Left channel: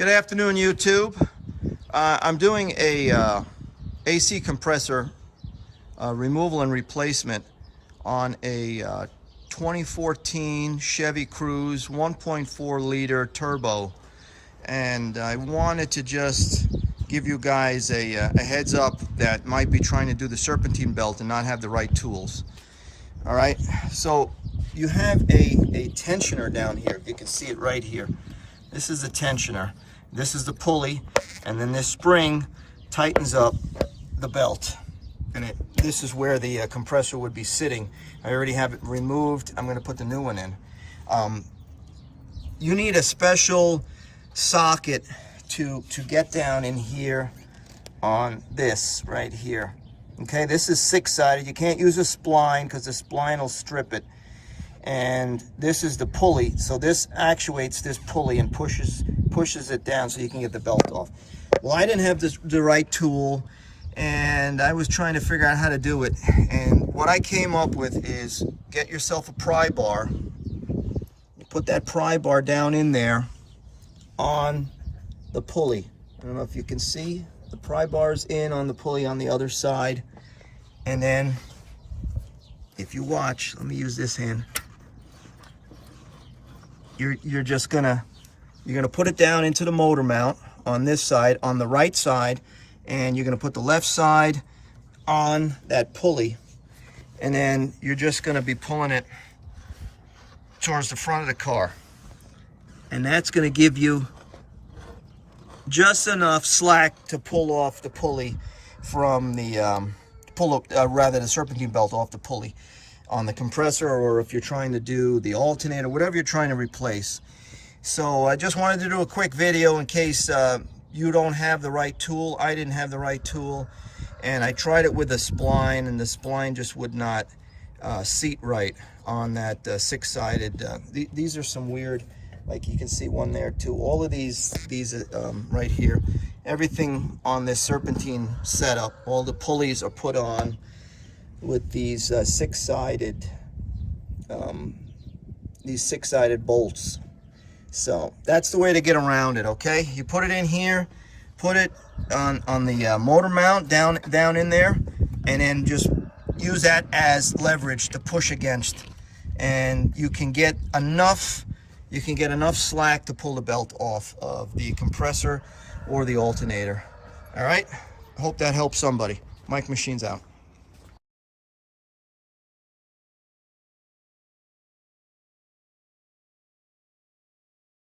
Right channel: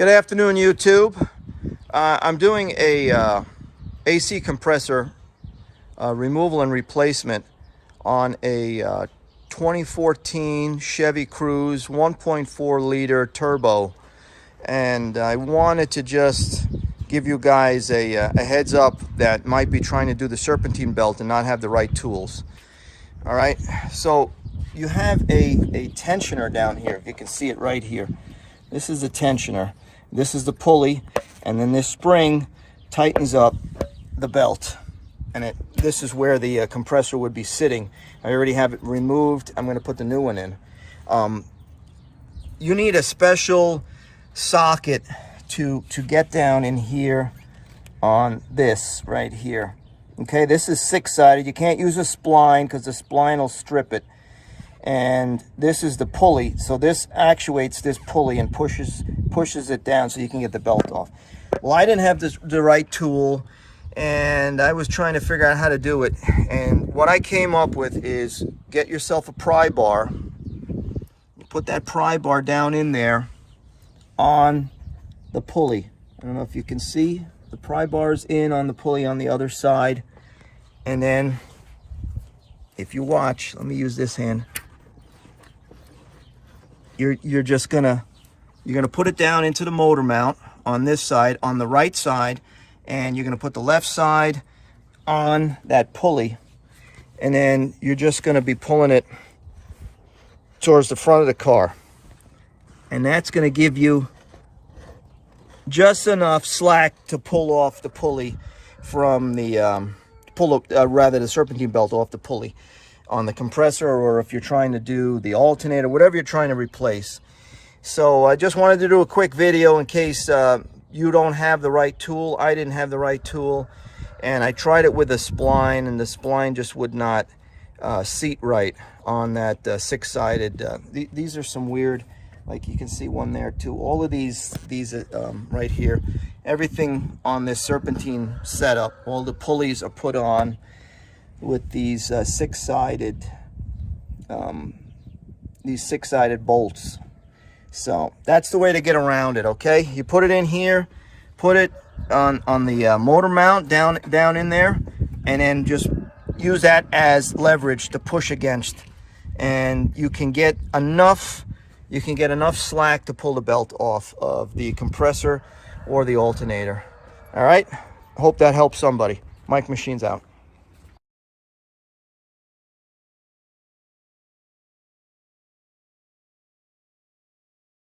Good afternoon, YouTube. I'm doing a AC compressor removal and replacement on a 2014 Chevy Cruze 1.4 liter turbo, and I wanted to just give you guys a heads up that might be trying to do the serpentine belt and not have the right tools. All right, so you have a tensioner down here. You can see it right here. This is the tensioner. This is the pulley, and then this spring tightens up the belt, and this is where the compressor would be sitting. I already have it removed. I'm going to put the new one in. You need a special socket to get down in here on this right here. Okay, this is six-sided. You can't use a spline because the spline will strip it. And this is the pulley, so this actuates this pulley and pushes it down so you can get the belt off. Well, I didn't have the right tool, and I was trying to figure out how to do it. And what I came up with is get yourself a pry bar. You put that pry bar down in there on the pulley. I don't know if you can see, the pry bar's in on the pulley on the other side. And then if you watch, let me use this hand. You're just gonna put it down into the motor mount on this side, on the right side, and you're gonna put the left side on that pulley, and then you're just gonna be pulling it towards the front of the car, and that's gonna give you just enough slack to pull off the pulley from the the serpentine belt off the pulley on the compressor, or if you're trying to do the alternator, whatever you're trying to replace. So I just wanted to do a quick video in case you don't have the right tool. I didn't have the right tool, and I tried it with a spline, and the spline just would not seat right on that six-sided. These are some weird, like you can see one there too. All of these right here, everything on this serpentine setup, all the pulleys are put on with these six-sided bolts. So that's the way to get around it. Okay, you put it in here, put it on the motor mount down in there, and then just use that as leverage to push against, and you can get enough slack to pull the belt off of the compressor or the alternator. All right, hope that helps somebody. Mike Machines out.